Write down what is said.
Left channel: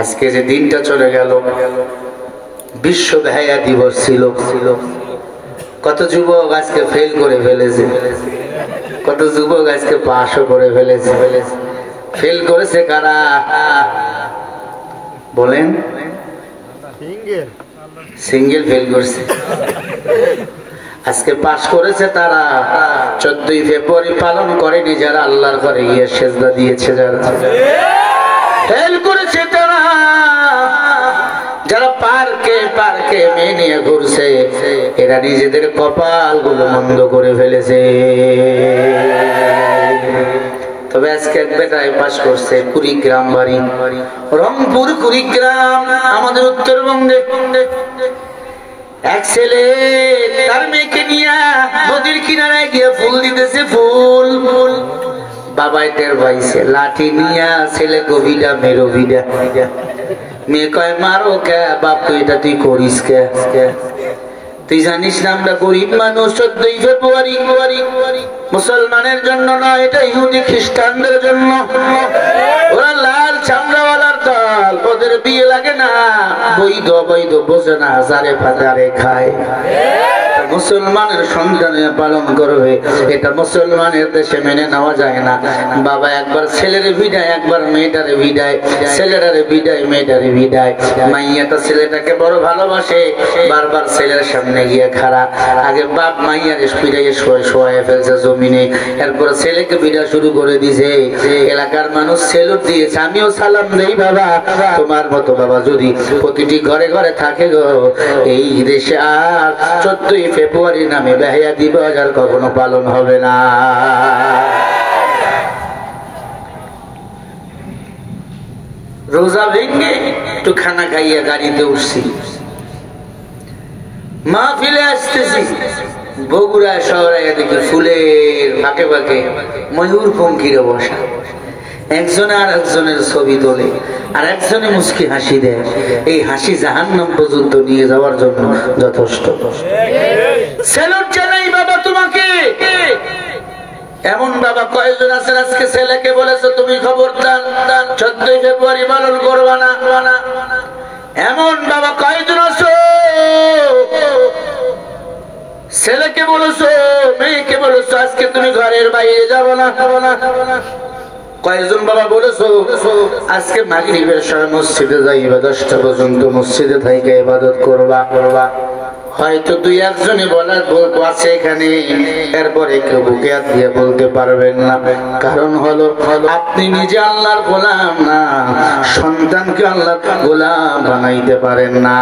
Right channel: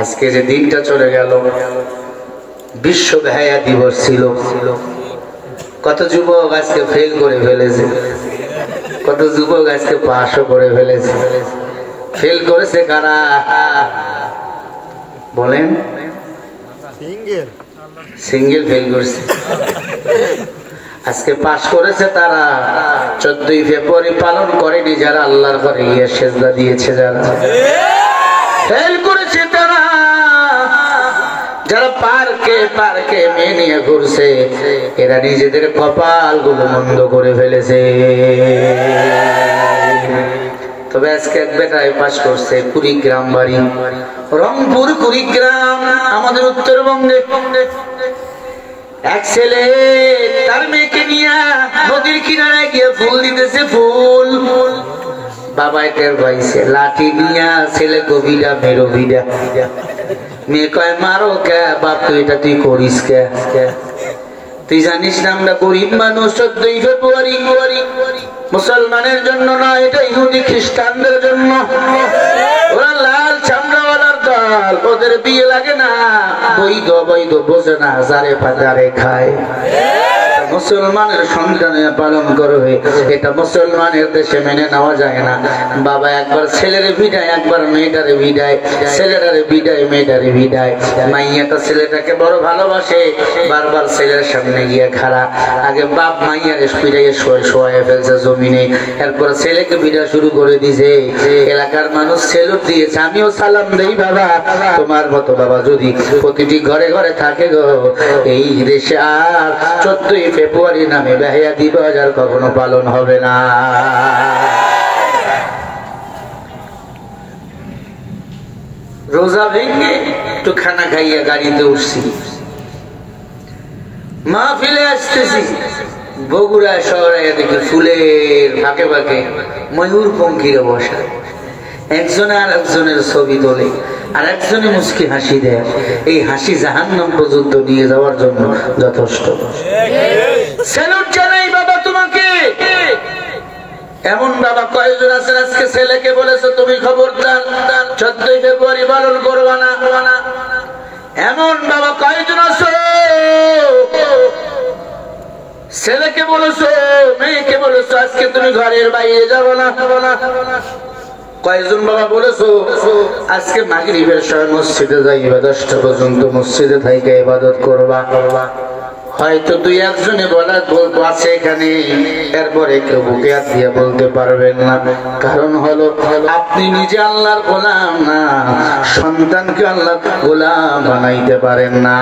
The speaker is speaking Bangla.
আজকে যে দিনটা চলে গেল, বিশ্ব বেহায়া দিবস ছিল। কত যুবক আজকে ফেল করে ফেলেছে, কত যুবক আজকে পাশও করে ফেলেছে। ফেল করেছে কারা বলেন? সিঙ্গেল ফেল করছে। আজকে পাশ করেছে তারা 14ই ফেব্রুয়ারি পালন করেনি যারা আল্লাহর ঘরে গিয়ে সেজদা দিয়েছে। যারা ফেল করেছে তারা যারা পার্কে পার্কে মেয়ে নিয়ে ঘুরছে, এরা নিজেদের কপাল গুলো মন্দ করে ফেলেছে। তবে আজকে এক বেটায় পাশ করছে, কুড়িগ্রাম বাড়ি, রংপুর কুড়িগ্রাম, আমাদের উত্তরবঙ্গে। এক ছেলে তার মেয়েকে নিয়ে নদীর কিনারায় গিয়ে ফুল দিতেছে, ফুল। বাবাই টের পাইছে, লাঠি নিয়া ছেলে গভীরা মেরো ভিড়া। মেয়ে কয় মারো কে বাপ, তুই এটা তুই করিস কে? তুই জানিস না আমরা গরিব মানুষ। 14ই ফেব্রুয়ারি মুসলমানের জন্য না, এটা ইহুদি খ্রিস্টানদের জন্য। ওরা লাল চামড়াওয়ালার দল, ওদের বিয়ে লাগে না, বৈধ বৈধ বোঝে না, হাজারে পাজারে খায়। মুসলমানের সন্তানে পালন করবে, এটা মুসলমানের দেশে মেনে নেওয়া যায় না। বাবা একবার ছেলের বিদায়, একবার মেয়েটারে বিদায়, ছেলেটারে বিদায়, মেয়েটারে বিদায়। মাইয়াটা ছেলেটাকে বড় ভালোবাসে, বারবার ছেলের সামনে গিয়ে খাড়া। আগে বাপ মাইয়ার স্পিডে শোয়ে ফেলছে জমিনে, এরপর ছেলেকে বিদায় শুরু করে দিছে। এলাকার মানুষ সেলুট দিয়েছে, আমিও সালাম দেই বাবা, তোমার মতো বাবা যদি প্রতিটি ঘরে ঘরে থাকে গো, এই দেশে আর 14ই ফেব্রুয়ারি নামে বেহায়া দিবস আর কখনো পালন হবে না। রোজা ভেঙে একটু খানা খাইয়া গাড়িতে উঠছি, মাহফিলে আসতেছি, বগুড়া শহরে এদিকে ফুলের ফাঁকে ফাঁকে ময়ূর পঙ্খিরে বসা, একজনে আর একজনের ছবি তোলে, আর একজনে মুস্কি হাসি দেয়। এই হাসি জাহান্নাম পর্যন্ত নিয়ে যাওয়ার জন্য যথেষ্ট। স্যালুট জানাই বাবা তোমাকে। এমন বাবা কয়েকজন আছেন আজকে ছেলেকে বলেছো তুমি খবরদার 14ই ফেব্রুয়ারি পালন করবা না। এমন বাবা কয়েকজন আছো, ছেলেকে বলেছো, মেয়েকে বলেছো আজকে তুমি ঘরের বাইরে যাবো না। কয়েকজন বাবা বলেছো আজকে মাগরিবের সময় মসজিদে যাইবা, 10টা পর্যন্ত মসজিদে থাইকা ইবাদত করবা। হয়তো দুই একজনে বলতো আছে এখানে, এরপরে কেউ বুকে হাত দিয়ে বলতে পারবেন না। কারণ হলো আপনি নিজে আল্লাহর গোলাম না, সন্তানকে আল্লাহ গোলাম বানাইতে পারেন না।